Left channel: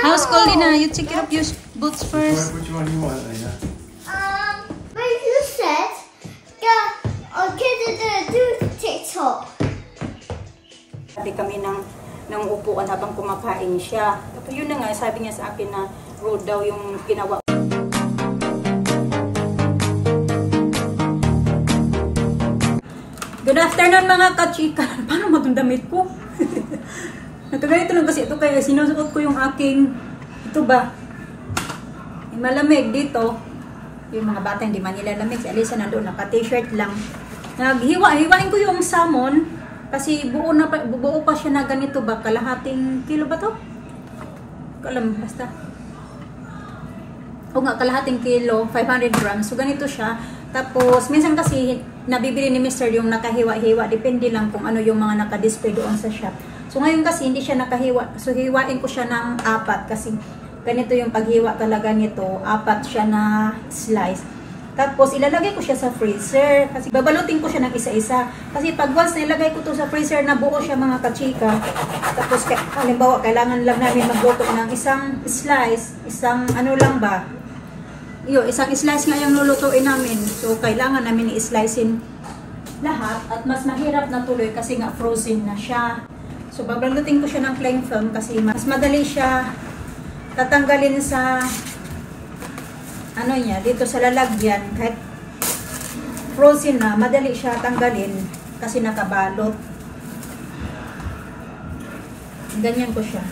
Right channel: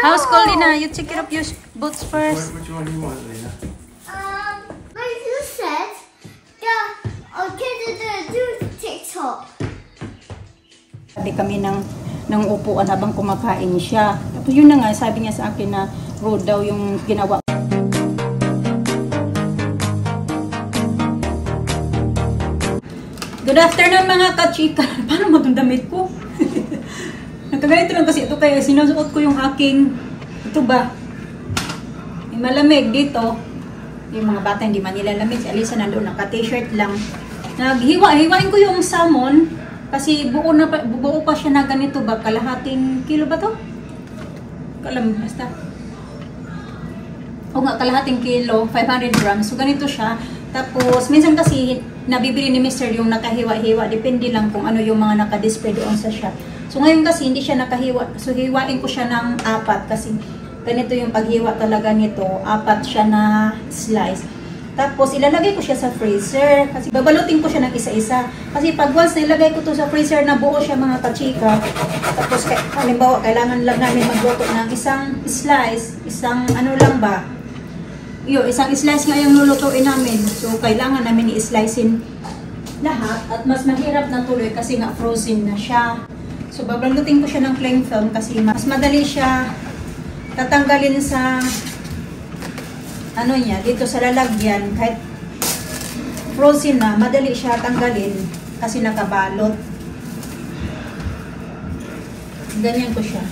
How's cold, Lina? You take off your boots first. Which one do you want, Lina? But you said, yeah, okay, do TikTok. Sabi kami ng upuan habang kumakain siya. Tapos yun na nga, sabi niya sa akin na road daw yung ginawa. Good afternoon mga kachika. Paano magdamit ko? Nakaganito lang kasi ito kaya sinusuot ko yung aking, ito ba? Yung malamig dito. Yung mga bata hindi man nilalamig. Si Alisa nandoon, naka-t-shirt lang. Hiwain ko yung salmon. Kasi buo pa siya na ganito ba? Kalahating kilo ba to? Kalam, basta. O nga, kalahating kilo, 500 grams. So ganito siya. Tapos, minsan kasi nabibili ni Mr. yung nakahiwa-hiwa. Depende lang kung ano yung mga nakadisplay doon sa shop. So ngayon kasi hindi siya nakahiwa. So hiwain ko siya ng 4 kasi ganito yung paghiwa talaga nito. 4 siya na slice. Tapos ilalagay ko siya sa freezer. Kasi babalutin ko siya ng isa-isa. Kasi pag once nilagay ko to sa freezer na buo siya mga kachika. Tapos halimbawa kailangan lang namin magluto ng isang slice. Isang ano lang ba? Isang slice lang yung lulutuin namin. So kailangan namin i-slicein lahat. At mas mahirap na tuloy kasi nga frozen na siya. So, babalutin ko siya ng cling film kasi mas madali siya tatanggalin sa ano niya, dito sa lalagyan. Kahit frozen na, madali siya tanggalin kasi nakabalot. Ganyan ko siya.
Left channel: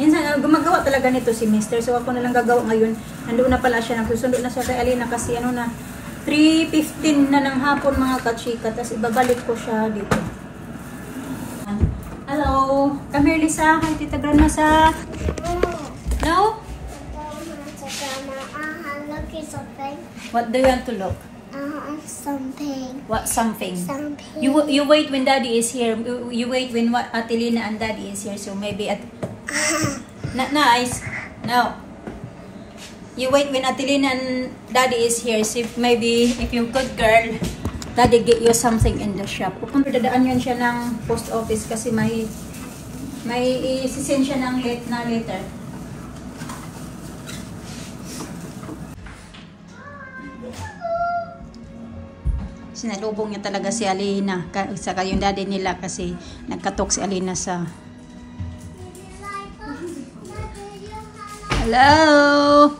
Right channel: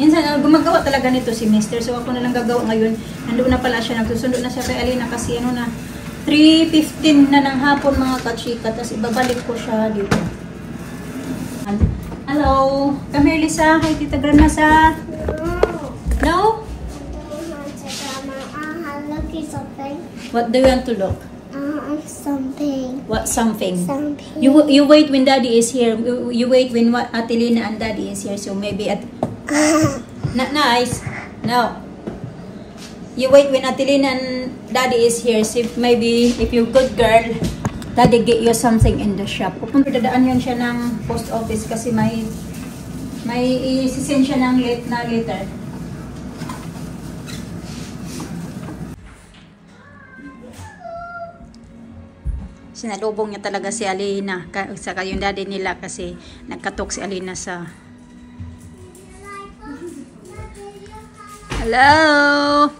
Minsan, gumagawa talaga nito si Mr. So, ako na lang gagawa ngayon. Nandoon na pala siya. Nagsusundo na siya kay Alina kasi ano na, 3:15 na ng hapon mga kachika. Tapos ibabalik ko siya dito. Hello. Come here, Lisa. Hi, Tita Granasa. No? Look at something. What do you want to look? Something. What something? Something. You wait when Daddy is here. You wait when Atelina and Daddy is here. So maybe not nice. No. You wait when Atelina and Daddy is here. See, maybe if you're good girl, Daddy get you something in the shop. Dadaan yun siya ng post office kasi may isisend siya ng letter. Sinalubong niya talaga si Alina saka yung daddy nila kasi nagkatok si Alina sa hello.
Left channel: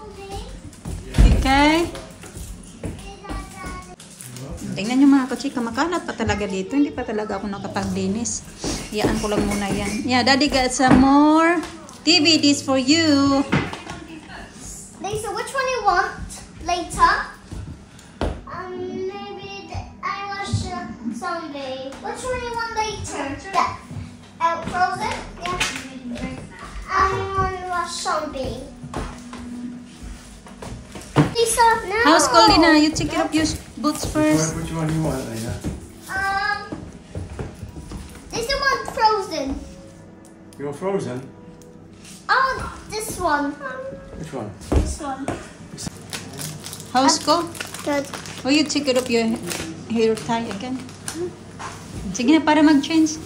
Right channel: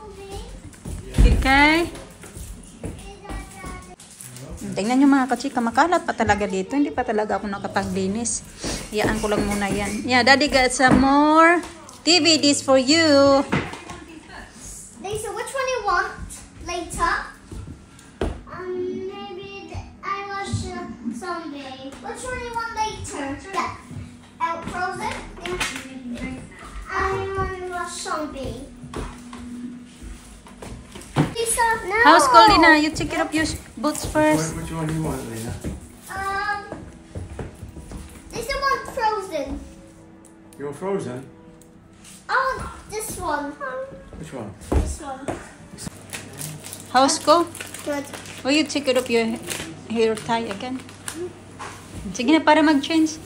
Okay. Tingnan nyo mga kachika, makalat pa talaga dito. Hindi pa talaga ako nakapaglinis. Iyaan ko lang muna yan. Yeah, Daddy got some more DVDs for you. Lisa, which one you want later? Maybe I watch Zombie. Which one you want later? Yeah. Frozen? Yeah. I want to watch Zombie. Lisa, no. How's cold, Lina? You take off your boots first. Which one do you want, Lina? This one Frozen. You want Frozen? Oh, this one. Which one? This one. How's cold? Good. Will you take it up your hair tie again? Sige na para mag-change.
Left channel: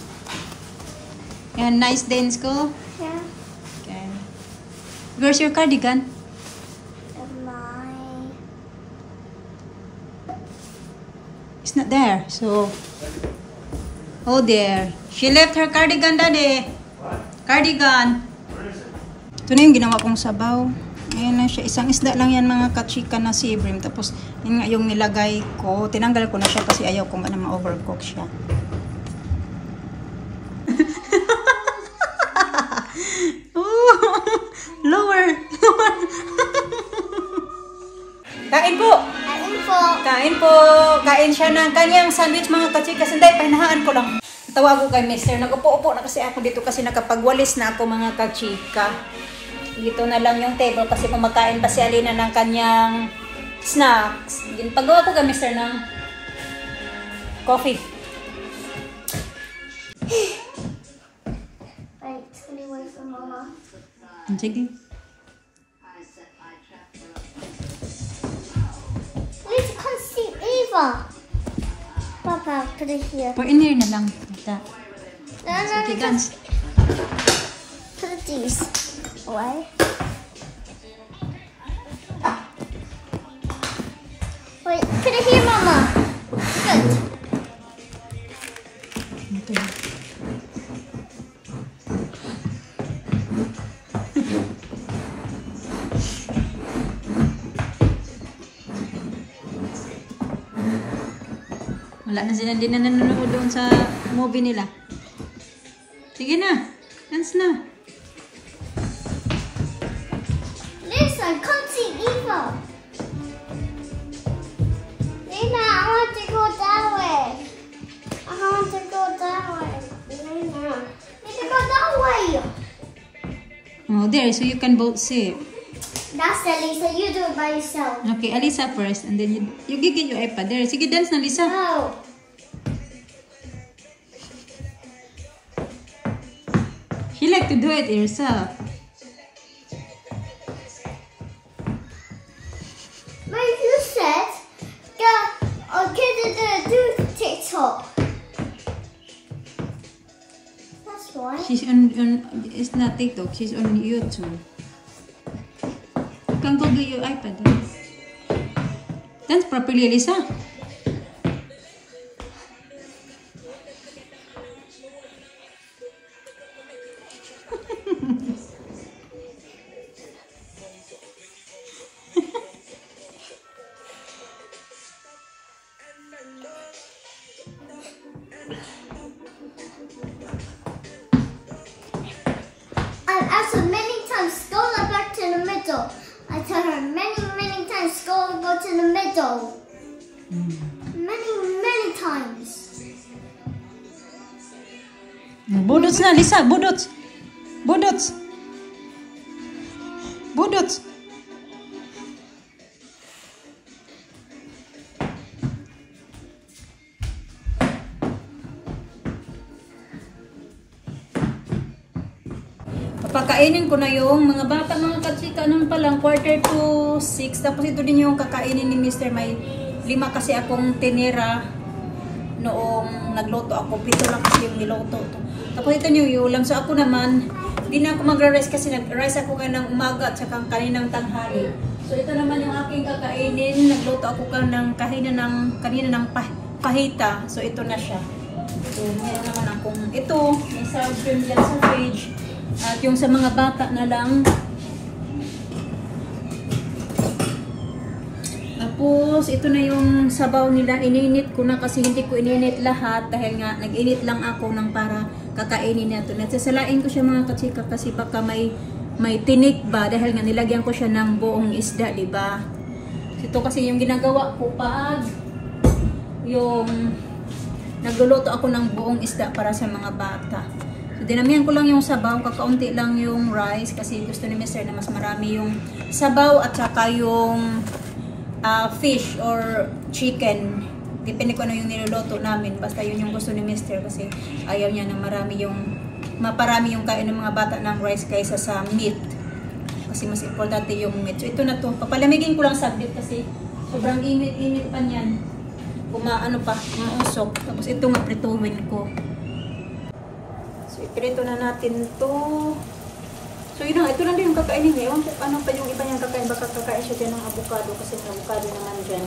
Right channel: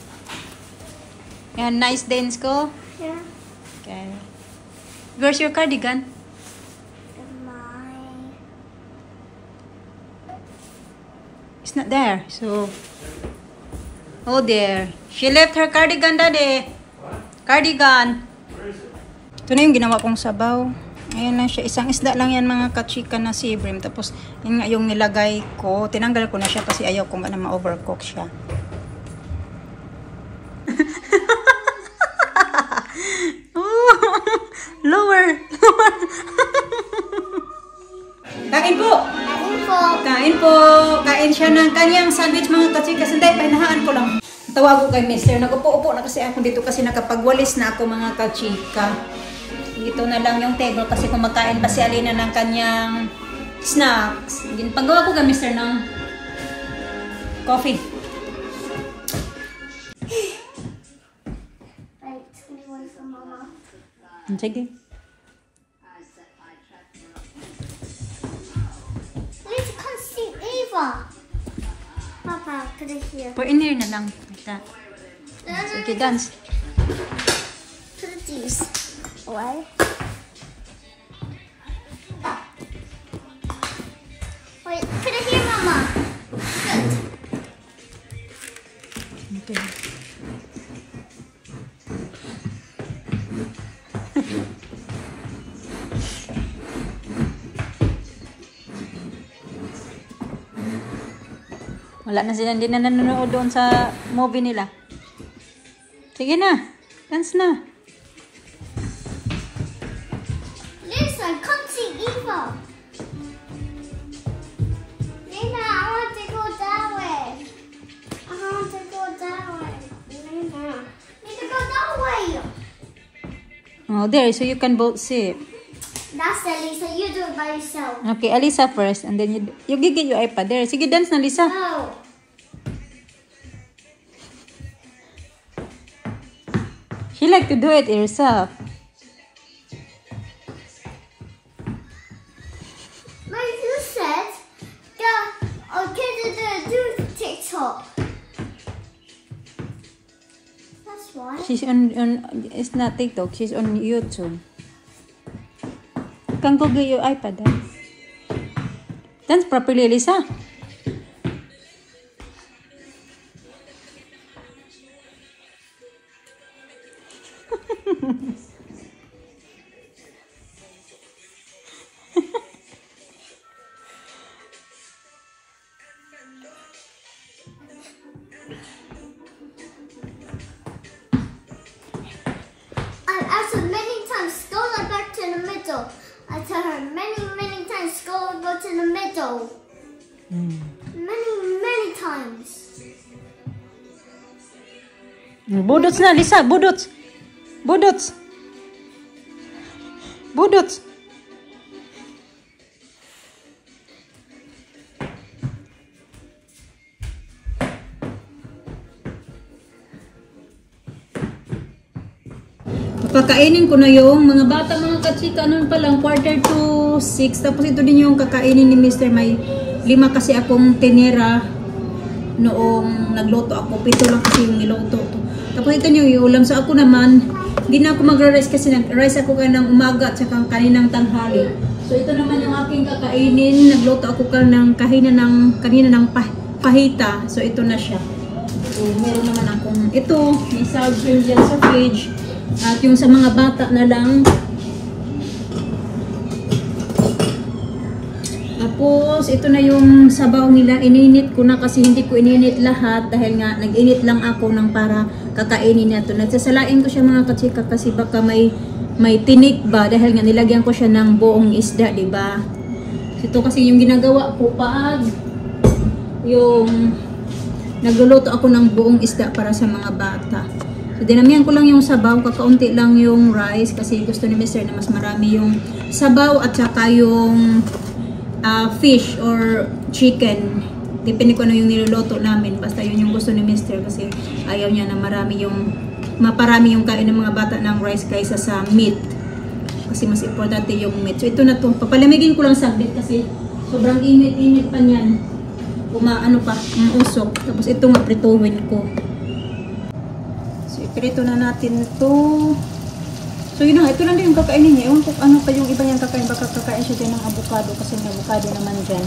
Yan, nice day in school. Yeah. Okay. Where's your cardigan? It's not there. So, oh there. She left her cardigan, Daddy. What? Cardigan. Where is it? Ito na yung ginawa kong sabaw. Ayan na siya. Isang isda lang yan mga kachika na si Brim. Tapos, yun nga yung nilagay ko. Tinanggal ko na siya kasi ayaw ko na ma-overcook siya. Lower. Kain po. Kain po. Kain po. Kain siya ng kanyang sandwich mga kachika. Sandali, painahaan ko lang. Tawag ko kay Mister. Nag-upo-upo na kasi ako dito kasi nakapagwalis na ako mga kachika. Dito na lang yung table kasi kumakain pa si Alina ng kanyang snacks. Pagawa ko kay Mister ng coffee. Wait, anyone from Mama? Sige. Lisa can't see either. Papa, put it here. Put in here na lang. No, no, Sige, dance. these. What? Wait, can I hear Mama? Good. Okay. Wala na sila, hindi na nanonood doon sa movie nila. Sige na, dance na. Listen, come see Eva. Lena, I want to go that way. I want to go that way. Lena, need to go that way. Oh, there, so you can both see. That's it, Lisa. You do it by yourself. Okay, Alisa first, and then you get your iPad. There, sige, dance na, Lisa. No. She like to do it herself. But you said, go, okay, do TikTok. That's why. She's on, it's not TikTok, she's on YouTube. You can go get your iPad. Dance, dance properly, Lisa. I've asked her many times, go back to the middle. I tell her many times, go to the middle. Many times. Budots na, Lisa, budots. Budots. Budots. Papakainin ko na yung mga bata, mga katsika, ano pa lang, 5:45. Tapos ito din yung kakainin ni Mr. May 5 kasi akong tinira noong nagluto ako. 7 lang kasi yung niluto to. Tapos ito yung iulam. So ako naman, hindi na ako magra-rice kasi nag-rice ako kanang umaga at saka kaninang tanghali. So ito naman yung aking kakainin. Nagluto ako kanina ng pahita. So ito na siya. So meron naman akong ito. May sour cream dyan sa fridge. At yung sa mga bata na lang. Tapos ito na yung sabaw nila. Ininit ko na kasi hindi ko ininit lahat. Dahil nga nag-init lang ako ng para kakainin na ito. Nagsasalain ko siya mga katsika kasi baka may tinik ba. Dahil nga nilagyan ko siya ng buong isda, diba? Ito kasi yung ginagawa ko pag yung nagluluto ako ng buong isda para sa mga bata. So, dinamihan ko lang yung sabaw, kakaunti lang yung rice kasi gusto ni Mr. na mas marami yung sabaw at saka yung fish or chicken. Depende ko ano yung niluluto namin. Basta yun yung gusto ni Mr. kasi ayaw niya na maparami yung kain ng mga bata ng rice kaysa sa meat. Kasi mas importante yung meat. So, ito na to. Papalamigin ko lang saglit kasi sobrang init-init pa niyan. Umausok. Tapos ito nga prituhin ko. Ito na natin to. So yun na, ito lang din yung kakainin niya. Ewan ko ano pa yung iba niyang kakain. Baka kakain siya din ng avocado kasi may avocado naman dyan.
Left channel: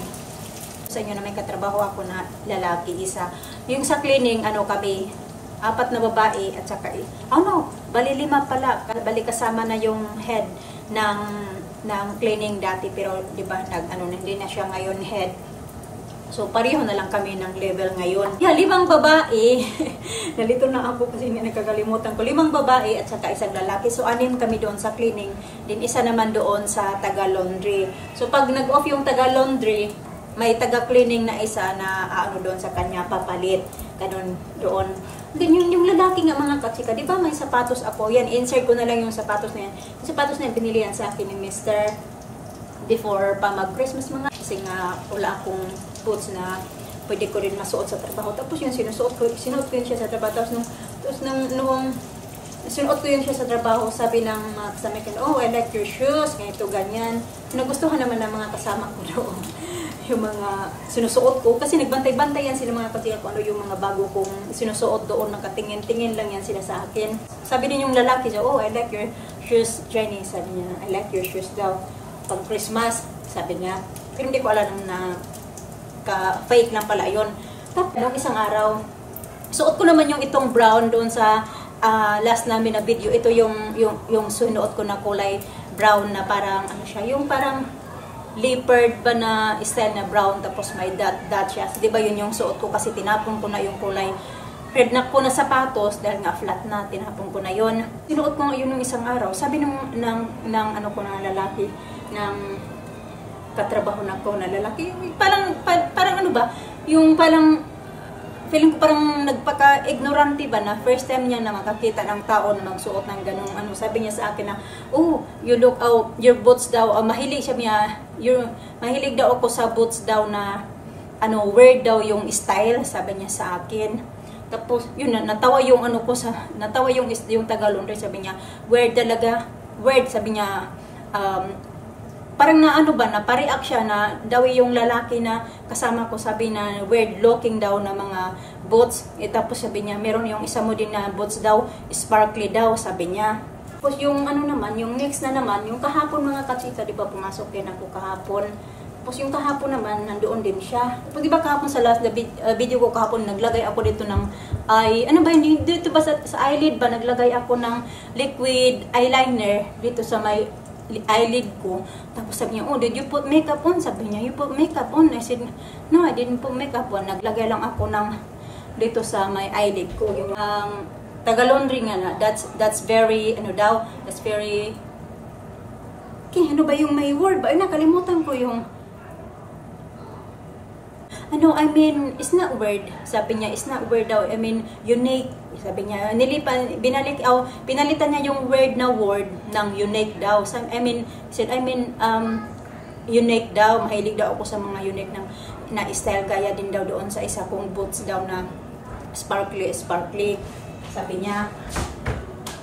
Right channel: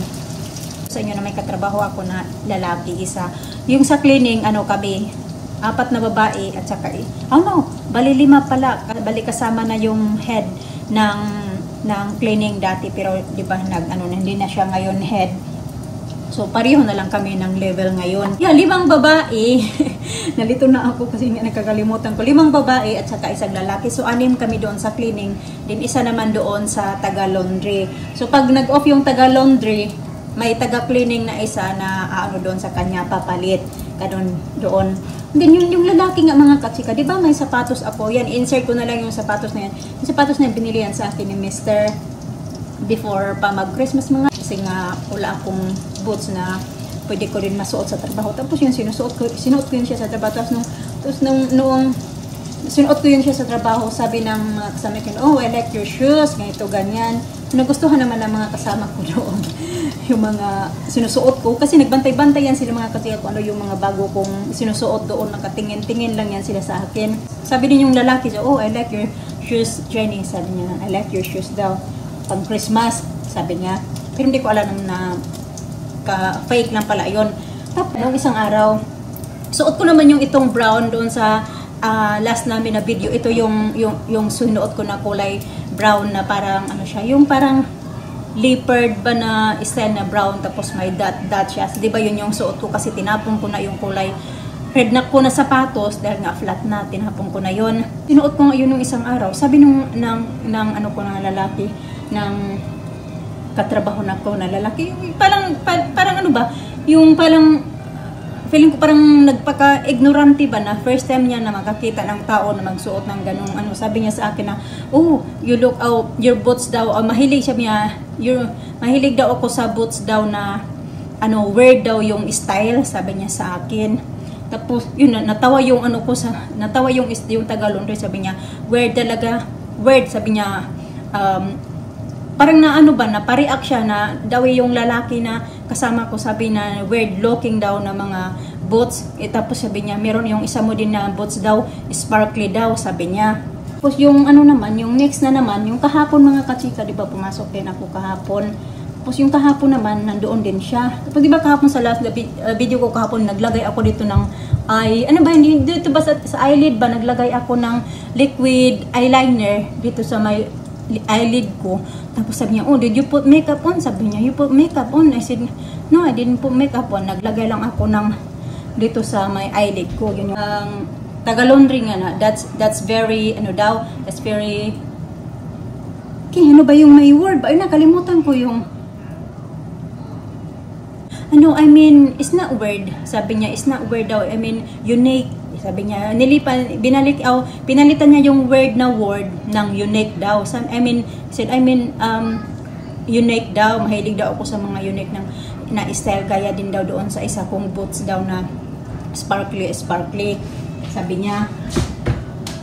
Sa inyo na may katrabaho ako na lalaki isa. Yung sa cleaning, kami 4 na babae at saka bali 5 pala. Bali kasama na yung head ng cleaning dati. Pero di ba hindi na siya ngayon head. So, pareho na lang kami ng level ngayon. 5 babae. Nalito na ako kasi nakakalimutan ko. 5 babae at saka 1 lalaki. So, 6 kami doon sa cleaning. Then, 1 naman doon sa taga-laundry. So, pag nag-off yung taga-laundry, may taga-cleaning na isa na doon sa kanya papalit. Ganun doon. Then, yung lalaki nga mga katsika, di ba may sapatos ako? Yan, insert ko na lang yung sapatos na yan. Yung sapatos na binili yan sa akin ni Mr. before pa mag-Christmas mga. Kasi nga, wala akong boots na pwede ko rin masuot sa trabaho. Tapos yun, sinuot ko yun siya sa trabaho. Tapos noong sinuot ko yun siya sa trabaho, sabi ng kasama ko, I like your shoes, ganito, ganyan. Nagustuhan naman ng mga kasama ko doon. sinusuot ko. Kasi nagbantay-bantay yan sila mga kachika kung ano yung mga bago kong sinusuot doon. Nakatingin-tingin lang yan sila sa akin. Sabi din yung lalaki siya, oh, I like your shoes, Jenny. Sabi niya, I like your shoes daw. Pang Christmas, sabi niya. Pero hindi ko alam na fake lang pala yun. Tapos, noong isang araw, suot ko naman yung itong brown doon sa last namin na video. Ito yung sunuot ko na kulay brown na parang ano siya, yung parang leopard ba na style na brown tapos may dot siya. Di ba yun yung suot ko kasi tinapon ko na yung kulay red na ko na sapatos dahil nga flat na, tinapon ko na yun. Sinuot ko nga yun nung isang araw. Sabi ng ano ko na lalaki, ng katrabaho na ko na lalaki, parang ano ba, yung parang feeling ko parang nagpaka-ignorante ba na first time niya na makakita ng tao na magsuot ng ganung ano. Sabi niya sa akin na, oh, you look out, your boots daw, mahilig siya niya, mahilig daw ako sa boots daw na, ano, weird daw yung style, sabi niya sa akin. Tapos, yun, natawa yung ano ko natawa yung Tagalog, sabi niya, weird talaga, weird, sabi niya, parang na ano ba, na pa-react siya na daw yung lalaki na kasama ko, sabi na weird looking daw na mga boots. Tapos sabi niya, meron yung isa mo din na boots daw, sparkly daw, sabi niya. Tapos yung ano naman, yung next na naman, yung kahapon mga kachika, di ba pumasok din ako kahapon. Tapos yung kahapon naman, nandoon din siya. Tapos di ba kahapon sa last video ko kahapon, naglagay ako dito ng ano ba yun, dito ba sa eyelid ba, naglagay ako ng liquid eyeliner dito sa may eyelid ko. Tapos sabi niya, oh, did you put makeup on? Sabi niya, you put makeup on? I said, no, I didn't put makeup on. Naglagay lang ako ng dito sa my eyelid ko. Yun yung taga-laundry nga na. That's very, ano daw, that's very, okay, ano ba yung may word ba? Ay, nakalimutan ko yung, ano, I mean, it's not weird. Sabi niya, it's not weird daw. I mean, unique. Sabi niya, pinalitan niya yung word na word ng unique daw. I mean, unique daw. Mahilig daw ako sa mga unique na style. Gaya din daw doon sa isa kong boots daw na sparkly. Sabi niya.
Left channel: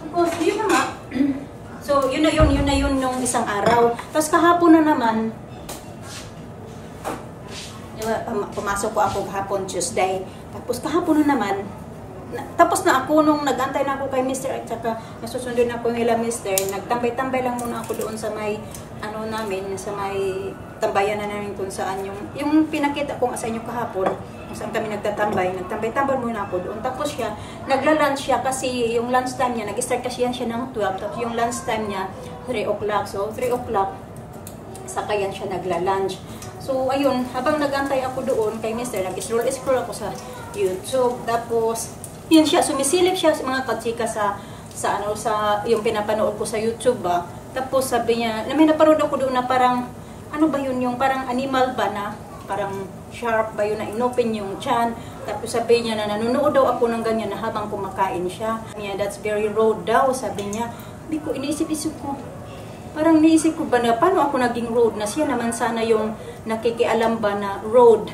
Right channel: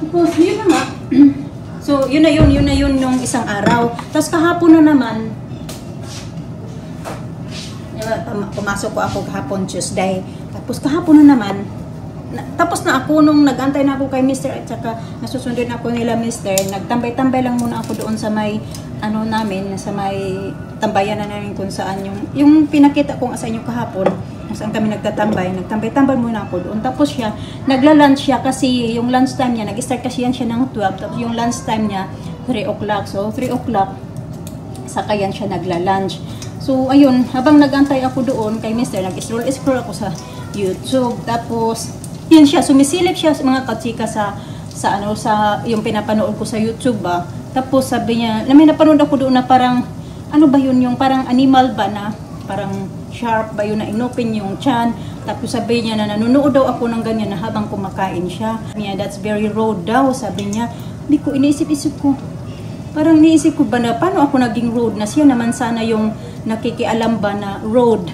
Tapos, yun na nga. So, yun na yun yung isang araw. Tapos kahapon na naman, pumasok ko ako kahapon Tuesday. Tapos kahapon na naman, tapos na ako nung nag-antay na ako kay Mr. at saka nasusundin ako nila Mr. Nagtambay-tambay lang muna ako doon sa may ano namin, sa may tambayan na namin kung saan yung pinakita ko sa inyo kahapon, kung saan kami nagtambay muna ako doon. Tapos siya, nagla-lunch siya kasi yung lunch time niya, nag-start kasi yan siya ng 12, tapos yung lunch time niya 3 o'clock. So 3 o'clock saka yan siya nagla-lunch. So ayun, habang nag-antay ako doon kay Mr. nag-scroll ako sa YouTube. Tapos yan siya, sumisilip siya mga kachika sa yung pinapanood ko sa YouTube ba. Tapos sabi niya, may napanood ako doon na parang ano ba yun, yung parang animal ba na parang sharp ba yun na inopen yung chan. Tapos sabi niya na nanonood daw ako ng ganyan na habang kumakain siya. That's very rude daw, sabi niya. Hindi ko, iniisip-isip ko. Parang iniisip ko ba na paano ako naging rude na siya naman sana yung nakikialam ba na rude.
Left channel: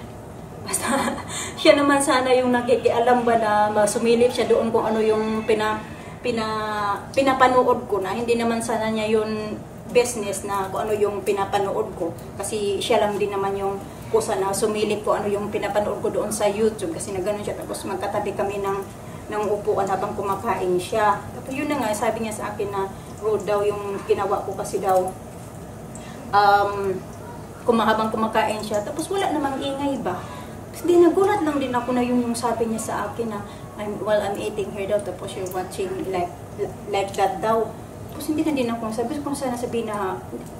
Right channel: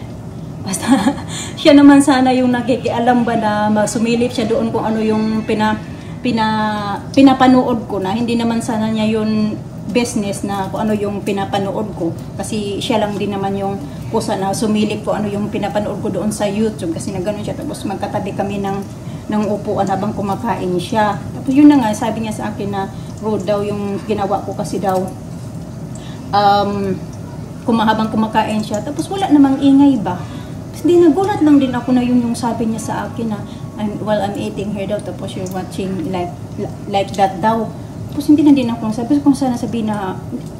Basta siya naman sana yung nakikialam ba na sumilip siya doon kung ano yung pinapanood ko na hindi naman sana niya yung business na kung ano yung pinapanood ko. Kasi siya lang din naman yung kusa na sumilip ko ano yung pinapanood ko doon sa YouTube kasi nagganon siya. Tapos magkatabi kami ng upuan habang kumakain siya. Tapos yun na nga, sabi niya sa akin na rude daw yung ginawa ko kasi daw habang kumakain siya. Tapos wala namang ingay ba. Hindi, nagulat lang din ako na yung sabi niya sa akin na while I'm eating here daw, tapos you're watching like that daw. Tapos hindi na din ako sabi kung sana sabihin na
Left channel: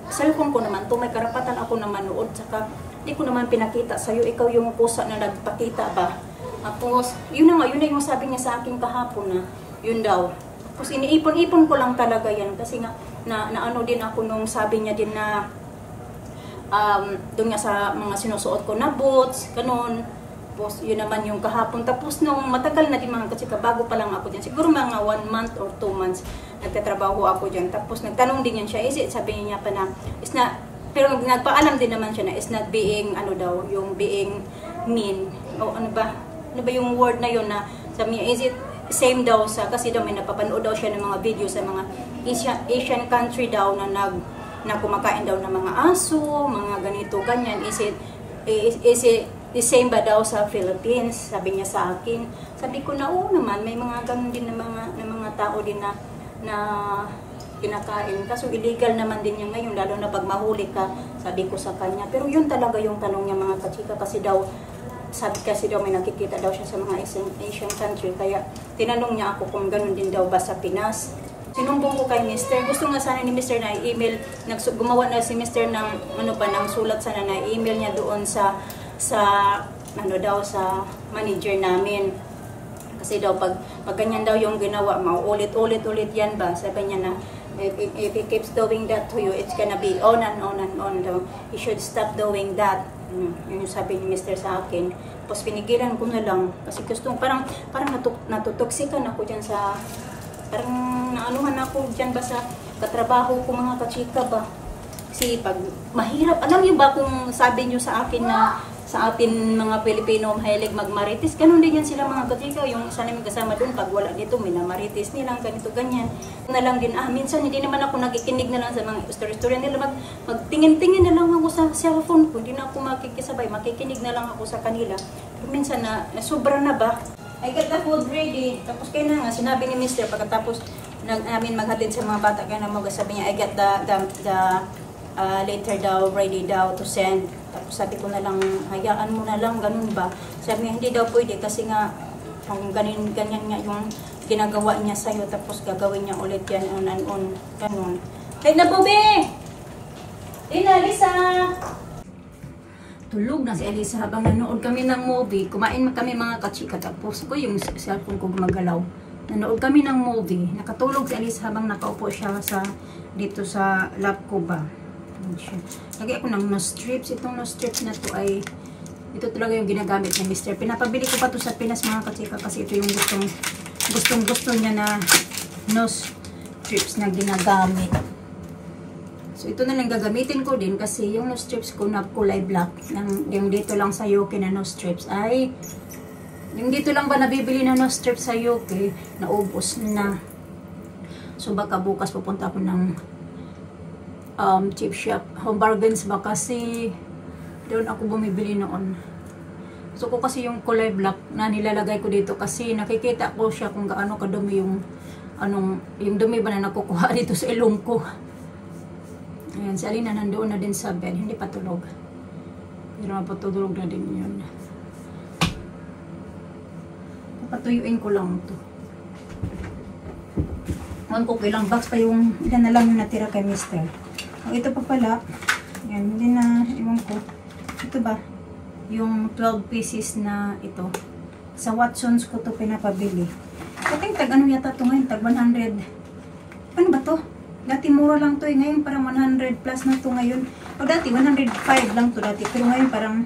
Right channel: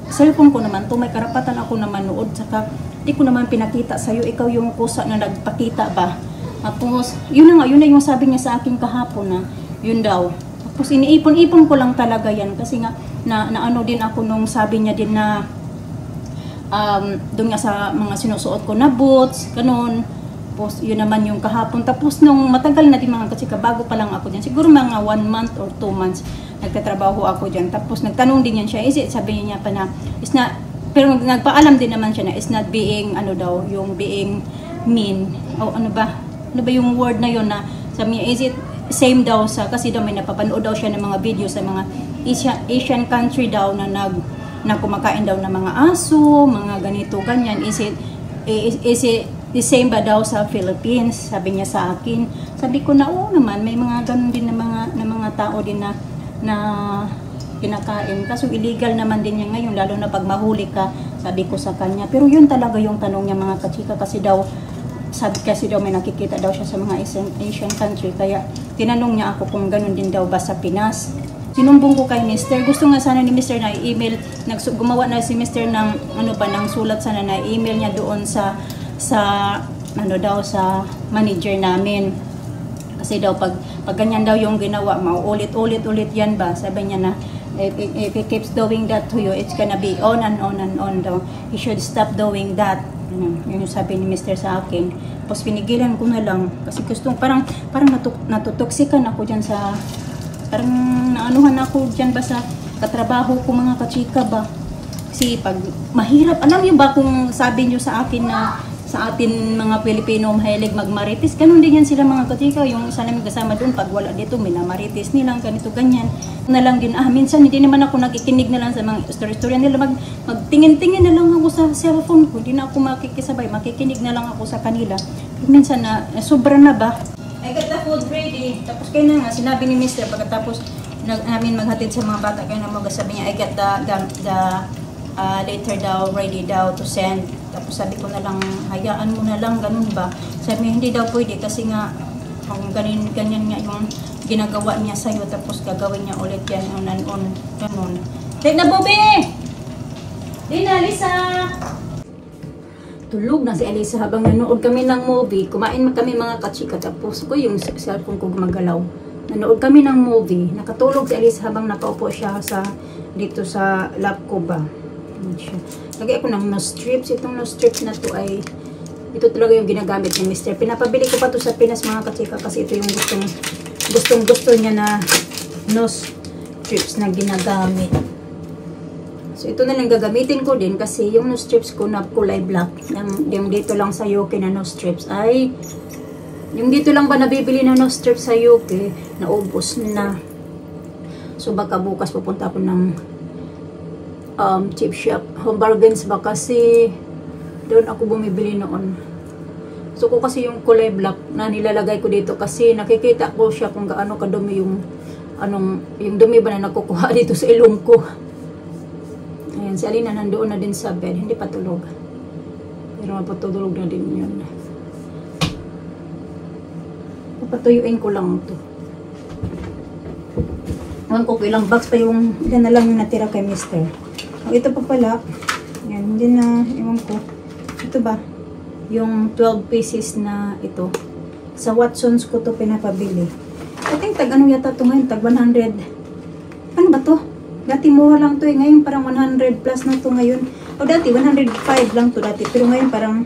cellphone ko naman to, may karapatan ako na manood, saka hindi ko naman pinakita sa'yo, ikaw yung kusa na nagpakita ba. Tapos yun na yung sabi niya sa akin kahapon na yun daw. Tapos iniipon-ipon ko lang talaga yan kasi nga na ano din ako nung sabi niya din na doon nga sa mga sinusuot ko na boots, ganun. Tapos yun naman yung kahapon. Tapos nung matagal na din mga kachika, bago pa lang ako dyan, siguro mga 1 month or 2 months nagtatrabaho ako dyan. Tapos nagtanong din yan siya, sabi niya pa na pero nagpaalam din naman siya na is not being ano daw, yung being mean o ano ba yung word na yun na sabi niya, is it same daw sa, kasi daw may napapanood daw siya ng mga video sa mga Asian country daw na kumakain daw ng mga aso, mga ganito, ganyan. Is it is it the same ba daw sa Philippines? Sabi niya sa akin. Sabi ko na, oo naman, may mga ganun din na mga tao din na kinakain. Kaso illegal naman din niya ngayon, lalo na pag mahuli ka, sabi ko sa kanya. Pero yun talaga yung tanong niya mga kachika, kasi daw may nakikita daw siya sa mga Asian country. Kaya tinanong niya ako kung ganun din daw ba sa Pinas. Sinumbong ko kay Mr. Gusto nga sana ni Mr. na email, gumawa na si Mr. ng ng sulat sana na email niya doon sa manager namin. Kasi daw pag ganyan daw yung ginawa, mauulit-ulit yan ba? Sabi niya na if he keeps doing that to you, it's gonna be on and on and on daw. You should stop doing that. Yun yung sabi ni Mr. sa akin. Tapos pinigilan ko na lang kasi parang natutoksikan ako dyan sa, parang naanuhan ako dyan ba sa katrabaho ko mga kachika ba. Kasi pag mahirap, alam niyo ba kung sabi niyo sa akin na sa atin mga Pilipino mahilig magmarites, ganun din yan sila mga kachika. Yung isa namin kasama doon, pag wala dito, minamarites nilang ganito ganyan na lang din. Minsan hindi naman ako nakikinig na lang sa mga story nila, magtingin-tingin na lang ako sa cellphone ko, hindi na ako makikisabay, makikinig na lang ako sa kanila. Minsan na sobra na ba, I got the food ready. Tapos kaya na nga, sinabi ni Mr. pagkatapos namin maghatid sa mga bata, kaya na sabi niya, I got the later daw, ready daw to send. Tapos sabi ko na lang, hayaan mo na lang, ganun ba? Sabi niya, hindi daw pwede kasi nga, kung ganyan nga yung ginagawa niya sa'yo, tapos gagawin niya ulit yan on and on, ganun. Take na, Bobby! Dina, Lisa! Tulog na si Elisa habang nanood kami ng movie. Kumain kami mga kachika, tapos ko yung cellphone ko gumagalaw. Nanood kami ng movie. Nakatulog si Elisa habang nakaupo siya dito sa lap ko ba. Lagay ako ng nose strips. Itong nose strips na to ay ito talaga yung ginagamit ni Mr. Pinapabili ko pa to sa Pinas mga kachika kasi ito yung gusto niya na nose strips na ginagamit. So ito na lang gagamitin ko din kasi yung nose strips ko na kulay black, yung dito lang sa Yoki na nose strips ay yung dito lang ba nabibili na nose strips sa Yoki, naubos na. So baka bukas pupunta ako ng chip shop, Home Bargains ba, kasi doon ako bumibili noon. So ko kasi yung kulay black na nilalagay ko dito kasi nakikita ko siya kung gaano kadumi yung dumi ba na nakukuha dito sa ilong ko. Ayan, si Alina nandoon na din sa bed, hindi pa tulog. Pero mapatulog na din yun. Papatuyuin ko lang ito. Ewan ko ilang box pa yung ilan na lang natira kay Mr. Ito pa pala. Yan, hindi na, ewan ko. Ito ba? Yung 12 pieces na ito. Sa Watsons ko to pinapabili. Okay, ano yata ito ngayon? Tag 100. Ano ba to? Dati mura lang to eh. Ngayon parang 100 plus na to ngayon. O dati 105 lang to dati. Pero ngayon parang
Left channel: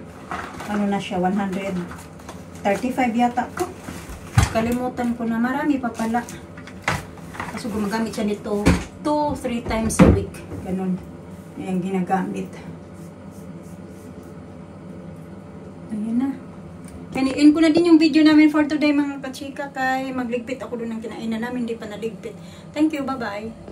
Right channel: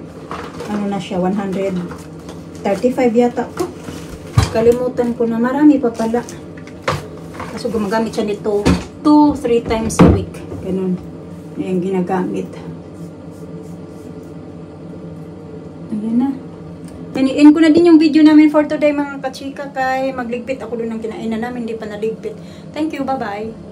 ano na siya, 135 yata to. Kalimutan ko na. Marami pa pala. Kaso gumagamit siya nito 2-3 times a week. Ganun. Ayan ginagamit. Ayan na. Kaniin ko na din yung video namin for today mga kachika, kay magligpit ako doon ng kinain na namin. Hindi pa naligpit. Thank you. Bye-bye.